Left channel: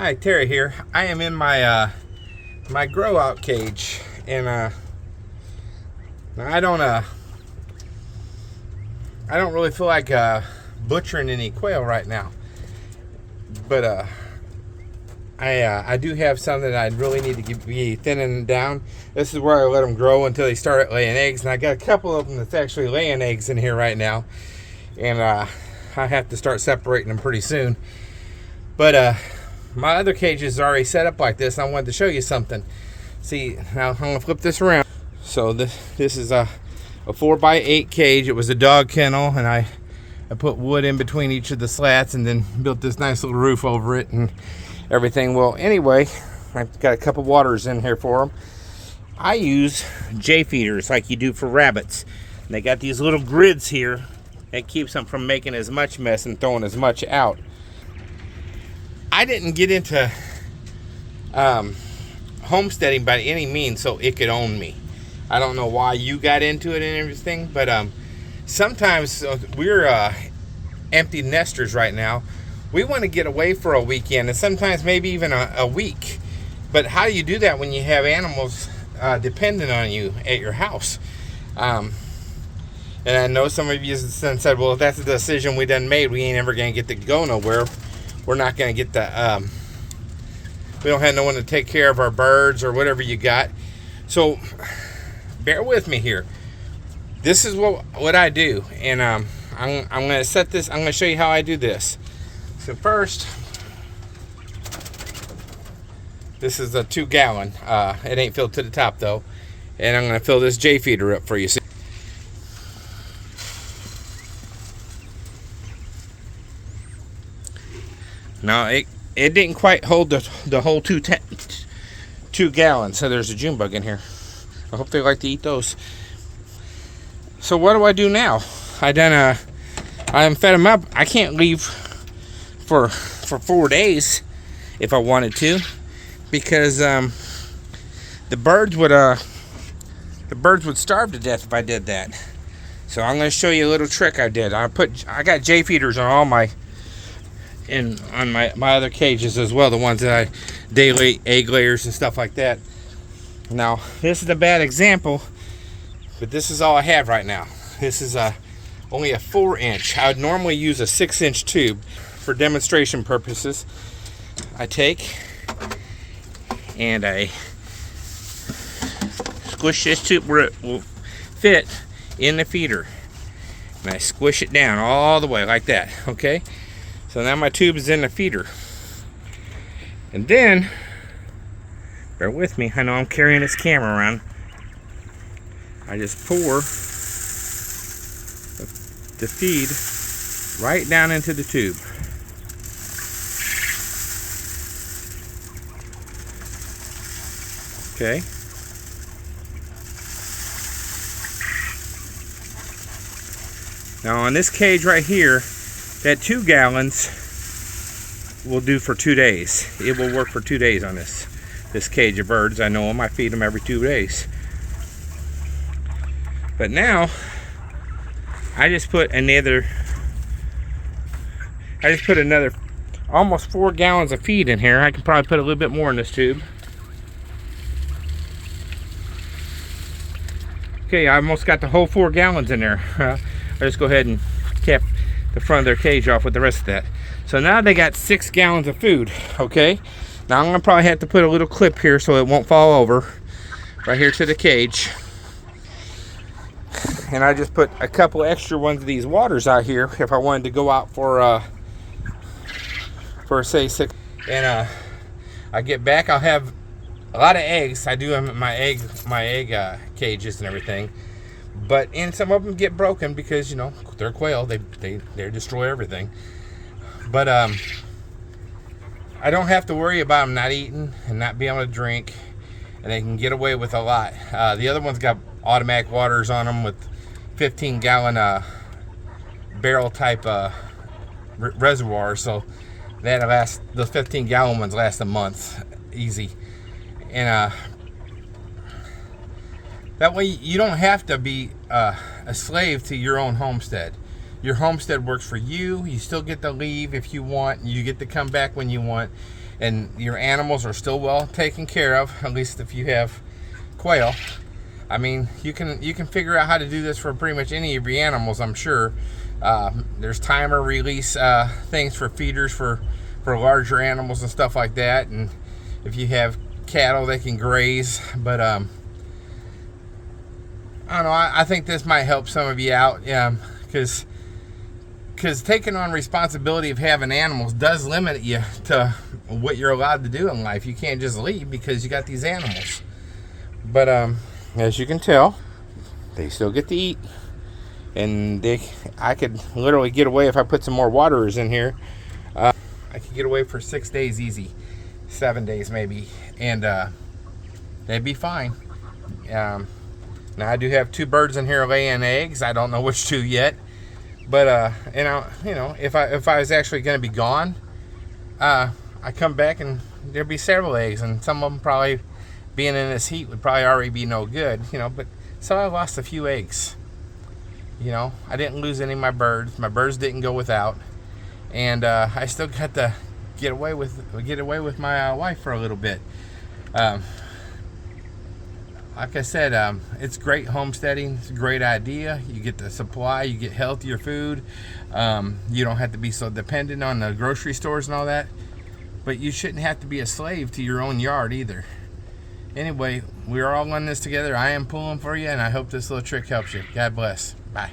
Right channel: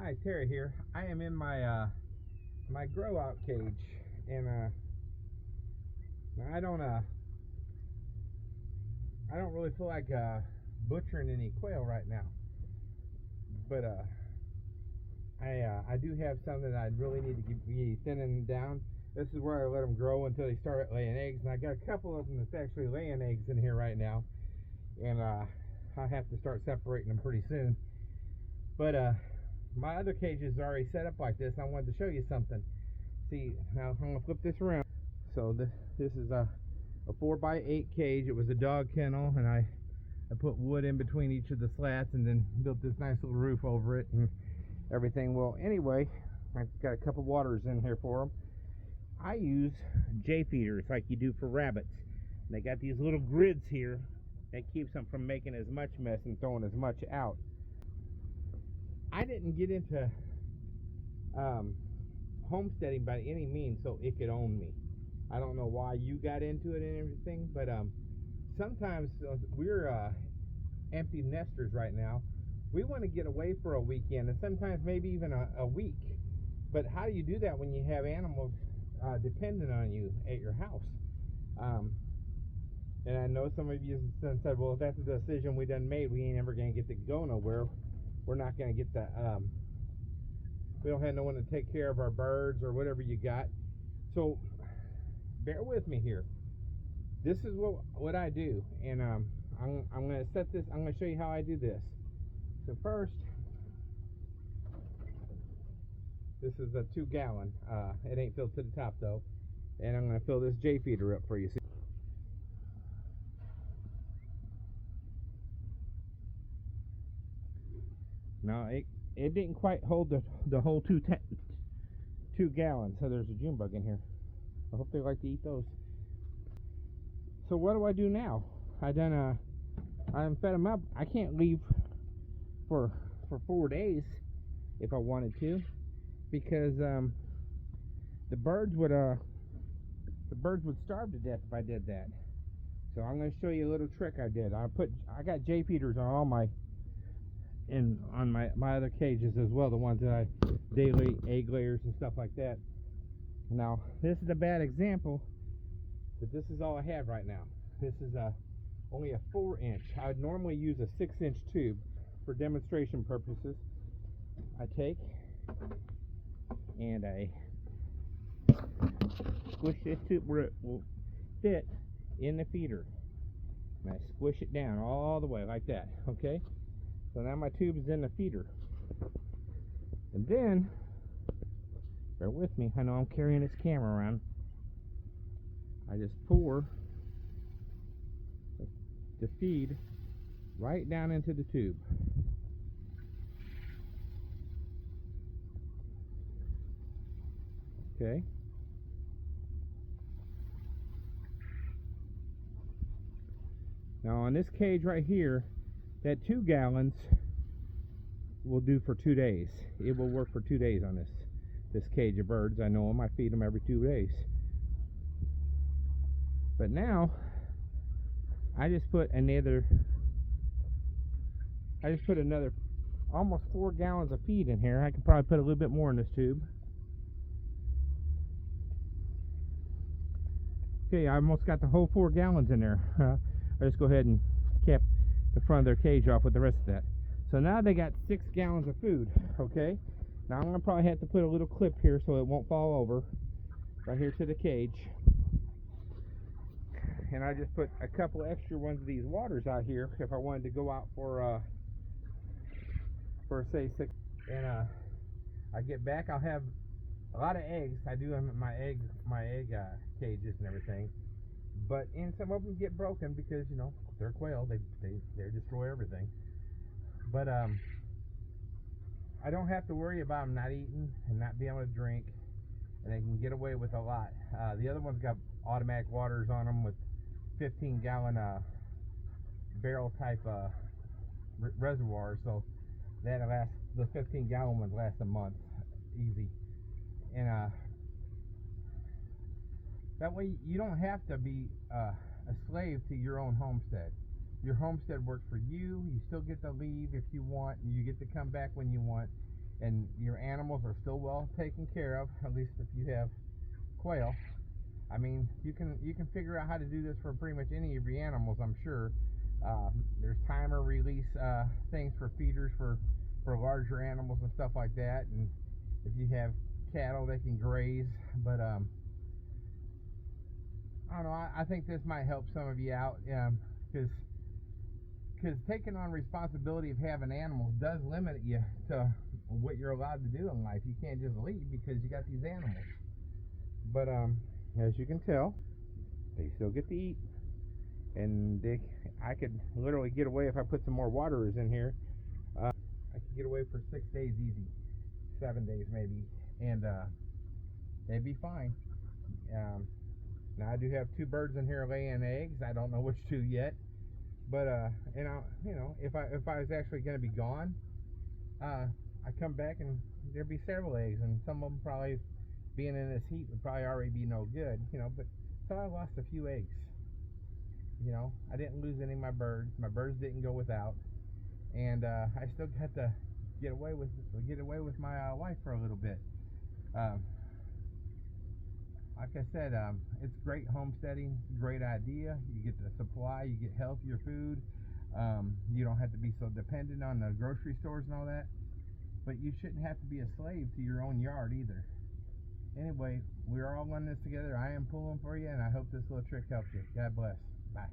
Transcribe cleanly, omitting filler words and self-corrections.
Hi, Terry here. I am in my my grow out cage, and I don't really feel like butchering any quail right now, but I do have some that I really need to be thinning down. This is where I let them grow until they start laying eggs, and I got a couple of them that's actually laying eggs in here right now, and I have to start separating them pretty soon. But my other cage is already set up like this, and I wanted to show you something. See, now I'm gonna flip this around. So this is a 4x8 cage. It was a dog kennel, and I put wood in between each of the slats and then built this nice little roof over it and everything. Well, anyway, I've got a couple waters in here for them. I use J feeders like you do for rabbits. And they got these little grids here that keeps them from making as much mess and throwing as much out. I didn't get into homesteading by any means so it could own me. I don't know why you got into it and everything, but sometimes we're empty nesters right now. We want to get away for a weekend, and sometimes maybe even a week. But how do you do that when you have animals dependent on you at your house? And I know some of you said, well, if that's a decision we done made, we ain't ever going to get to go nowhere. We're not going to get the, we don't have no one to take care of our birds or whatever you got. So bear with me here. This is what I do. And I'm going to set this, I'm going to show you how I do this. So first, this is a 2-gallon. It ain't filled to the top though. And I'm going to fill this J feeder up for you. See? Now it didn't quite hold the whole 2 gallons. So there's a June bug in here. I hope they like to eat those. So what do I do now? I fed them up. I can't leave for 4 days if I wanted to, because the birds would starve to death if I did that. So I'm going to show you a little trick I did. I got J feeders on all my my other cages as well, the ones that I daily egg layers and stuff like that. Now this is a bad example, but this is all I have right now. This is only a 4-inch. I would normally use a 6-inch tube. For demonstration purposes, I take and I squish this tube where it will fit in the feeder, and I squish it down all the way like that. Okay, so now my tube is in the feeder, and then bear with me, I know I'm carrying this camera around. I just pour the feed right down into the tube. Okay. Now on this cage right here, that 2 gallons will do for 2 days. It will work for 2 days on this cage of birds. I know them. I feed them every 2 days. But now I just put another almost 4 gallons of feed in here. I can probably put a little bit more in this tube. Okay, I almost got the whole 4 gallons in there. I just go ahead and cap the front of their cage off with the rest of that. So now they got 6 gallons of food. Okay, now I'm gonna probably have to put a little clip here so it won't fall over right here to the cage. And I just put a couple extra ones of these waters out here if I wanted to go out for say 6. And I get back, I'll have a lot of eggs. I do have my egg cages and everything, and some of them get broken because, you know, they're quail. They destroy everything. But I don't have to worry about them not eating and not being able to drink, and they can get away with a lot. The other ones got automatic waters on them with 15-gallon barrel type reservoir, so that'll last. The 15-gallon ones last a month easy. And that way you don't have to be a slave to your own homestead. Your homestead works for you. You still get to leave if you want. You get to come back when you want. and your animals are still well taken care of, at least if you have quail, I mean, you can figure out how to do this for pretty much any of your animals, I'm sure. There's timer release things for feeders for larger animals and stuff like that, and if you have cattle, they can graze. But I don't know, I think this might help some of you out, because taking on responsibility of having animals does limit you to what you're allowed to do in life. You can't just leave because you got these animals. But as you can tell, they still get to eat, and I could literally get away if I put some more waterers in here. I could get away for 6 days easy, 7 days maybe, and they'd be fine. Now I do have 2 birds in here laying eggs. I don't know which 2 yet, but you know, if I was actually going to be gone, I come back and there'd be several eggs, and some of them probably, being in this heat, would probably already be no good, you know. But so I lost a few eggs. You know, I didn't lose any of my birds. My birds didn't go without, and I still got to get away with my wife for a little bit. Like I said, it's great homesteading. It's a great idea. You get the supply, you get healthier food. You don't have to be so dependent on the grocery stores and all that. But you shouldn't have to be a slave to your own yard either. Anyway, we're all on this together. I am pulling for you, and I hope this little trick helps you. God bless. Bye.